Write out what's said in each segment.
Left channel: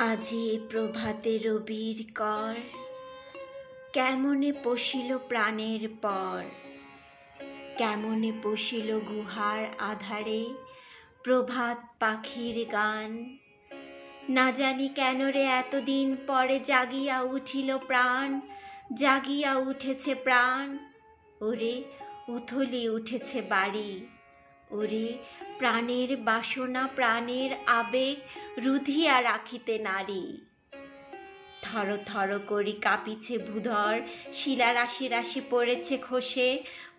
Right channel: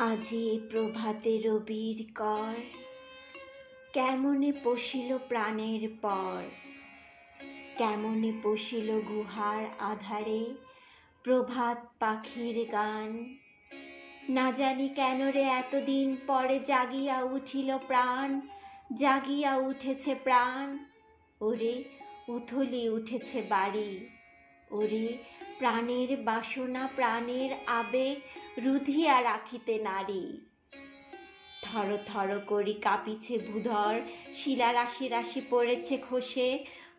আজি প্রভাতে রবির কর, কেমনে পশিল প্রাণের পর। কেমনে পশিল গুহার আধারে প্রভাত পাখির গান। না জানি কেন রে এতদিন পরে জাগিয়া উঠিল প্রাণ, জাগিয়া উঠেছে প্রাণ। ওরে উথলি উঠেছে বাড়ি, ওরে প্রাণের বাসনা প্রাণের আবেগ রুধিয়া রাখিতে নারী। থর থর করি কাঁপিছে ভূধর, শিলা রাশি রাশি পড়েছে খসে,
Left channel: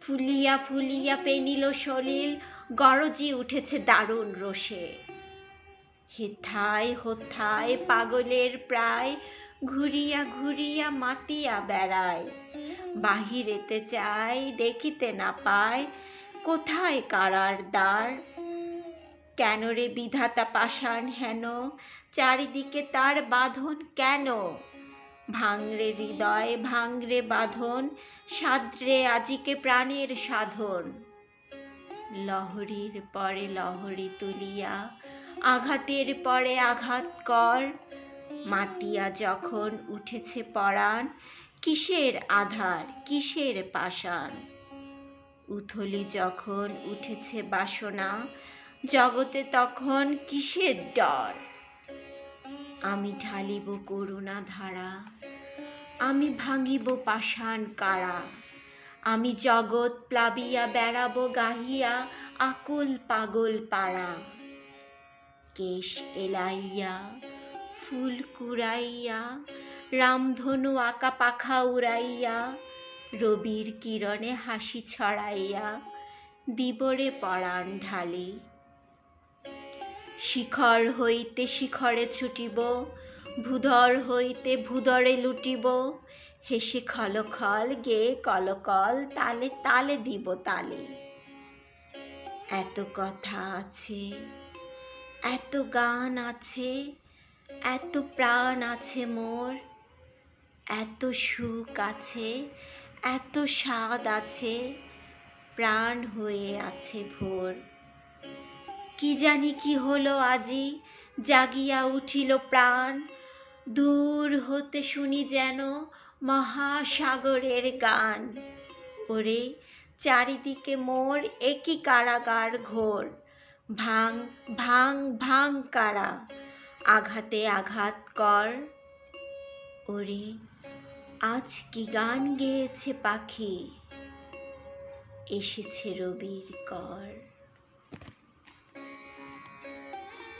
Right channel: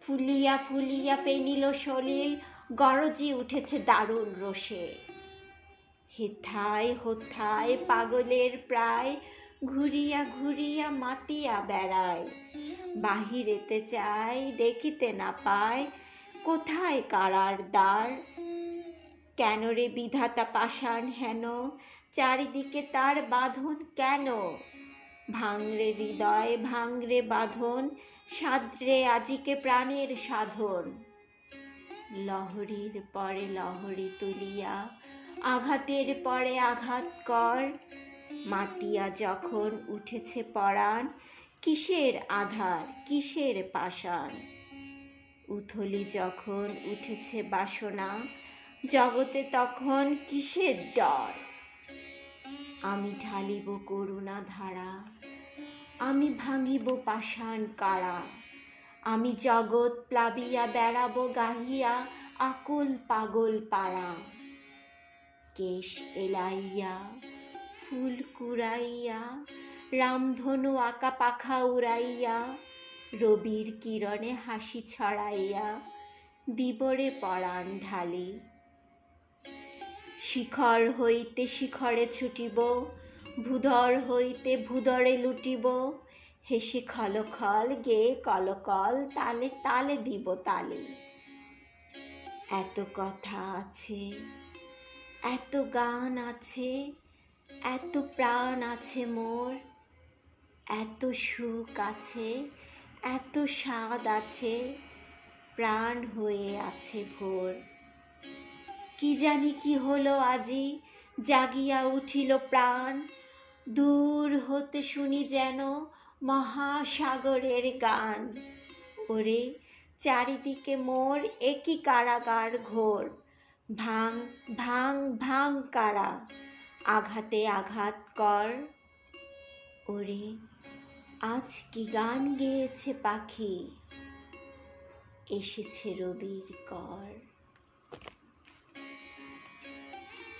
ফুলিয়া ফুলিয়া পেনিল সলিল, গরজি উঠেছে দারুণ রোষে। হেথায় হোথায় পাগলের প্রায়, ঘুরিয়া ঘুরিয়া মাতিয়া বেড়ায়। বাহিরেতে চাই দেখিতে না পায়, কোথায় কারার দ্বার। কেন রে বিধাতা পাষাণ হেন, চারিদিকে তার বাঁধন কেন। ভাঙরে হৃদয় ভাঙরে বাঁধন, সাদ্রে আজিকে প্রাণের সাধন। লহরীর পরে লহরী তুলিয়া আঘাতের পরে আঘাত কর। মাতিয়া যখন উঠেছে পরাণ, কিসের আধার কিসের পাষাণ। উথলি যখন উঠেছে বাসনা, জগতে তখন কিসের ডর। আমি ঢালিব করুণা ধারা, আমি ভাঙিব পাষাণ কারা। আমি জগৎ প্লাবিয়া বেড়াবো গাহিয়া আকুল পাগল পাড়া। কেশ এলাইয়া ফুল কুড়াইয়া, রামধনু আঁকা পাখা উড়াইয়া, রবির কিরণে হাসি ছড়াইয়া দিবরে পরাণ ঢালি। শিখর হইতে শিখরে ছুটিব, ভূধর হইতে ভূধরে লুটিব। হেসে খলখল গেয়ে কলকল, তালে তালে দিব তালে। এত কথা আছে, এত গান আছে, এত প্রাণ আছে মোর। এত সুখ আছে, এত স্বাদ আছে, প্রাণ হয়ে আছে ভোর। কি জানি কি হলো আজি, জাগিয়া উঠিল প্রাণ। দূর হতে শুনি যেন মহাসাগরের গান। ওরে চারিদিকে মোর একই কারাগার ঘোর। ভাঙ ভাঙ ভাঙ কারা, আঘাতে আঘাত কর। ওরে আজ কি গান গেয়েছে পাখি, এসেছে রবির কর।